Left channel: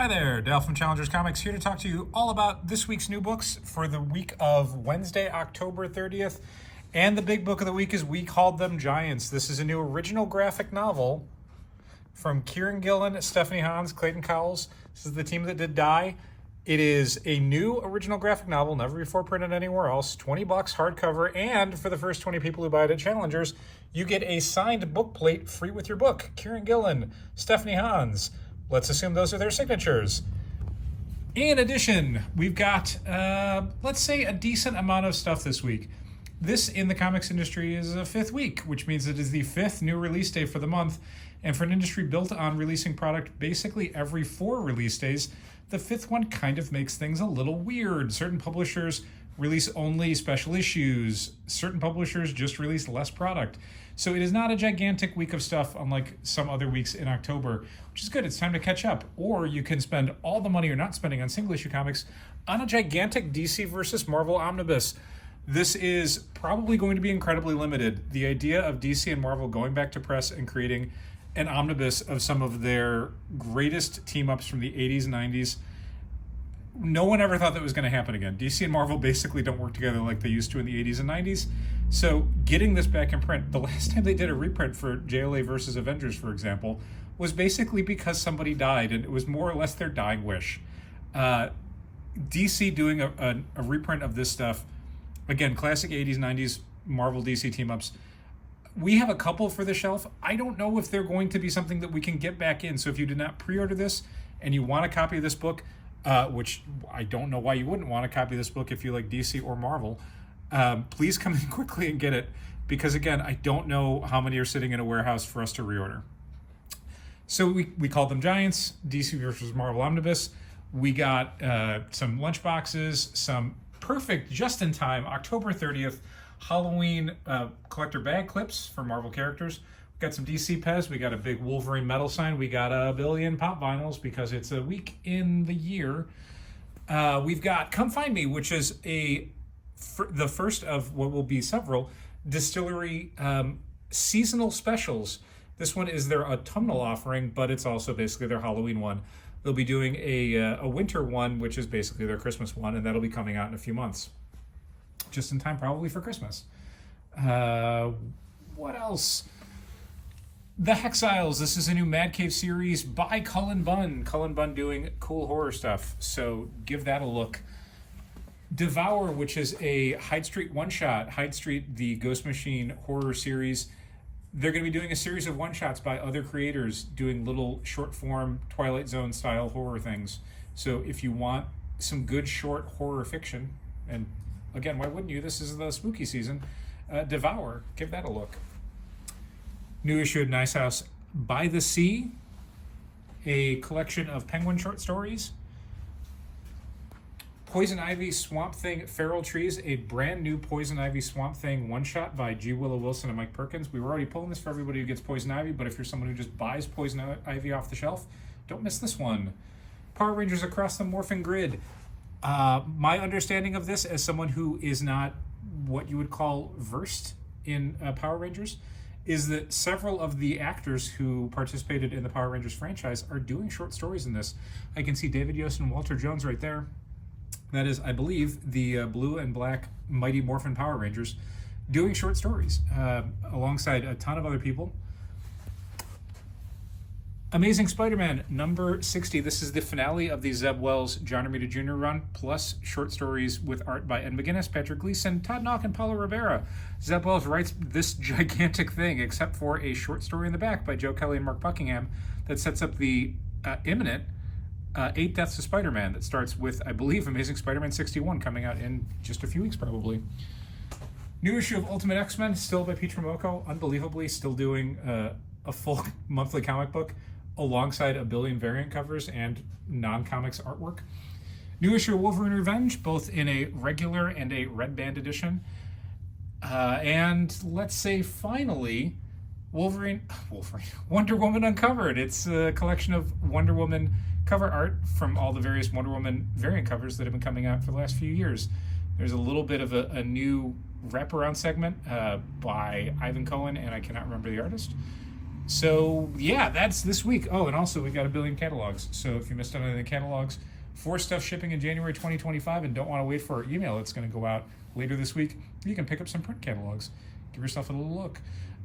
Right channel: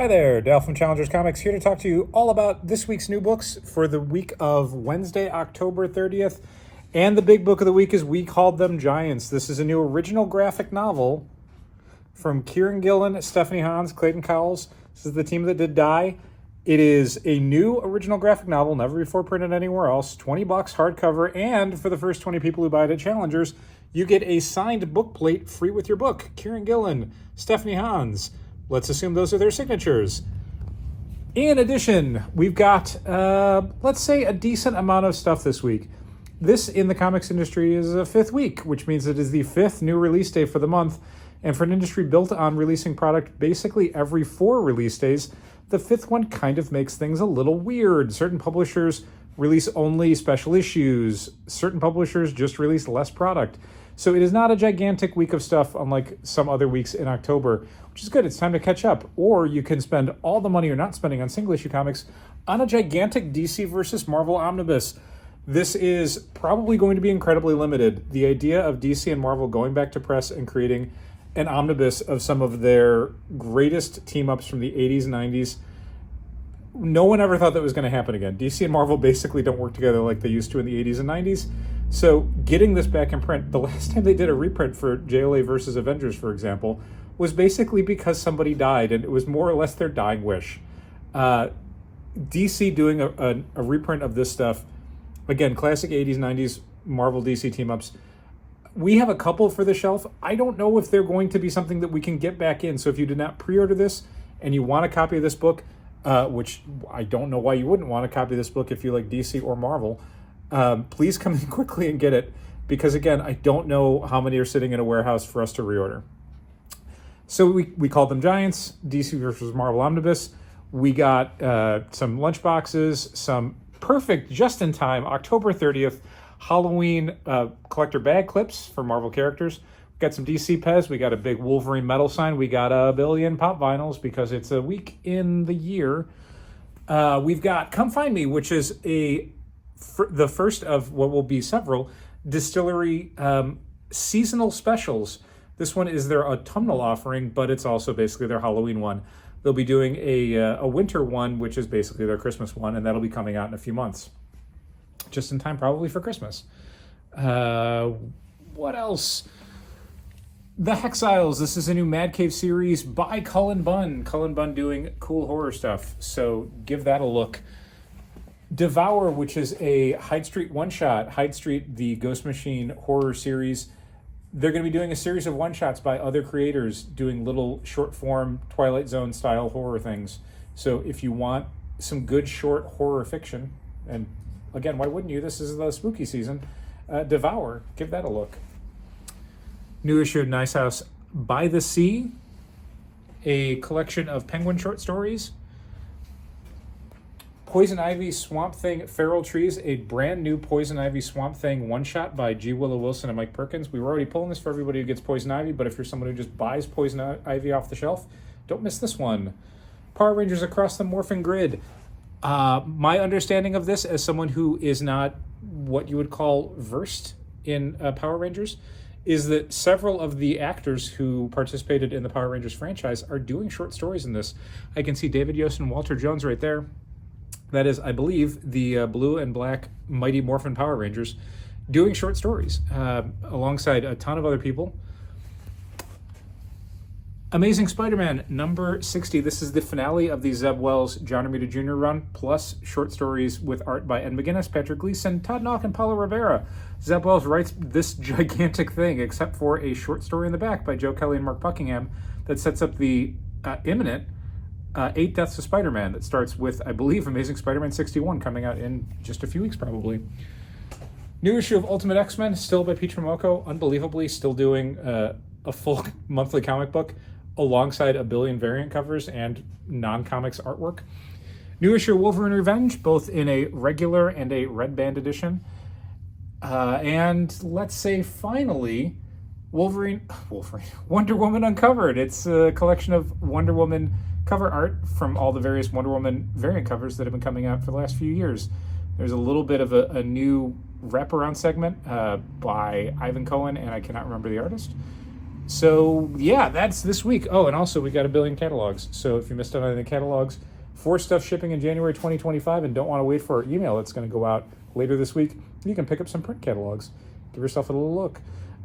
Hi there, Dale from Challengers Comics here to talk to you all about this week's new books for the week of Wednesday, October 30th. And the big book of the week is We Called Them Giants. This is a new original graphic novel from Kieran Gillen, Stephanie Hans, Clayton Cowles. This is the team that did Die. It is a new original graphic novel, never before printed anywhere else. $20 hardcover, and for the first 20 people who buy it at Challengers, you get a signed book plate free with your book. Kieran Gillen, Stephanie Hans. Let's assume those are their signatures. In addition, we've got, let's say, a decent amount of stuff this week. This, in the comics industry, is a fifth week, which means it is the fifth new release day for the month. And for an industry built on releasing product basically every 4 release days, the fifth one kind of makes things a little weird. Certain publishers release only special issues. Certain publishers just release less product. So it is not a gigantic week of stuff unlike some other weeks in October, which is good. It's time to catch up. Or you can spend all the money you're not spending on single issue comics on a gigantic DC versus Marvel omnibus. This is probably going to be incredibly limited. The idea of DC and Marvel going back to press and creating an omnibus of some of their greatest team-ups from the 80s and 90s, no one ever thought that was going to happen again. DC and Marvel basically don't work together like they used to in the 80s and 90s. So getting this back in print, the last time they did a reprint for JLA versus Avengers, for example, was basically because somebody died, and it was more or less their dying wish. DC doing a reprint of this stuff, again, classic 80s, 90s Marvel DC team-ups. We have a couple for the shelf. I don't know if they're going to be something that we can get back in. So if you did not pre-order this and you want a copy of this book, which I don't know why you wouldn't want a copy of this book if you like DC or Marvel, please come in quickly and get it, because again, I don't know how many are sitting in a warehouse for us to reorder. So we called them Giants, DC versus Marvel Omnibus. We got some lunch boxes, some perfect just-in-time October 30th Halloween collector bag clips for Marvel characters. We got some DC Pez. We got a big Wolverine metal sign. We got a billion pop vinyls because it's a week in the year. We've got Come Find Me, which is the first of what will be several distillery seasonal specials. This one is their autumnal offering, but it's also basically their Halloween one. They'll be doing a winter one, which is basically their Christmas one, and that'll be coming out in a few months. Just in time probably for Christmas. What else? The Hexiles. This is a new Mad Cave series by Cullen Bunn. Cullen Bunn doing cool horror stuff, so give that a look. Devour, which is a Hyde Street one-shot. Hyde Street, the Ghost Machine horror series. They're going to be doing a series of one-shots by other creators doing little short-form Twilight Zone-style horror things. So if you want some good short horror fiction, and again, why wouldn't you? This is the spooky season. Devour, give that a look. New issue of Nice House by the Sea, a collection of Penguin short stories. Poison Ivy, Swamp Thing, Feral Trees, a brand new Poison Ivy, Swamp Thing one-shot by G. Willow Wilson and Mike Perkins. We were already pulling this for everybody who gets Poison Ivy, but if you're someone who just buys Poison Ivy off the shelf, don't miss this one. Power Rangers Across the Morphin Grid. My understanding of this, as someone who is not what you would call versed in Power Rangers, is that several of the actors who participated in the Power Rangers franchise are doing short stories in this. I can see David Yost and Walter Jones right there. That is, I believe, the blue and black Mighty Morphin Power Rangers doing short stories alongside a ton of other people. Amazing Spider-Man number 60. This is the finale of the Zeb Wells John Romita Jr. run, plus short stories with art by Ed McGuinness, Patrick Gleason, Todd Nauck, and Paulo Rivera. Zeb Wells writes this gigantic thing, except for a short story in the back by Joe Kelly and Mark Buckingham that sets up the imminent 8 Deaths of Spider-Man that starts with, I believe, Amazing Spider-Man 61 coming out in just a few weeks probably. New issue of Ultimate X-Men, still by Pete Tromoko, unbelievably still doing a full monthly comic book alongside a billion variant covers and non-comics artwork. New issue of Wolverine Revenge, both in a regular and a red band edition. And let's say finally, Wonder Woman Uncovered. It's a collection of Wonder Woman cover art from all the various Wonder Woman variant covers that have been coming out for the last few years. There's a little bit of a new wraparound segment by Ivan Cohen, and I cannot remember the artist. So yeah, that's this week. Oh, and also we got a billion catalogs. So if you missed out on the catalogs for stuff shipping in January 2025 and don't want to wait for our email that's going to go out later this week, you can pick up some print catalogs. Give yourself a little look.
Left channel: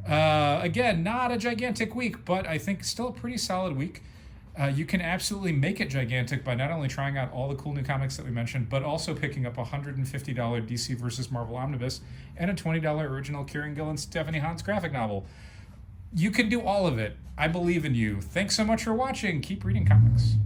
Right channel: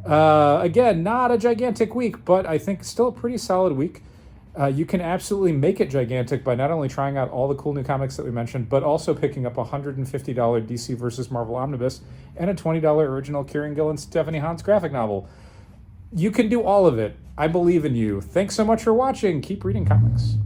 Again, not a gigantic week, but I think still a pretty solid week. You can absolutely make it gigantic by not only trying out all the cool new comics that we mentioned, but also picking up a $150 DC versus Marvel Omnibus and a $20 original Kieran Gill and Stephanie Hans graphic novel. You can do all of it. I believe in you. Thanks so much for watching. Keep reading comics.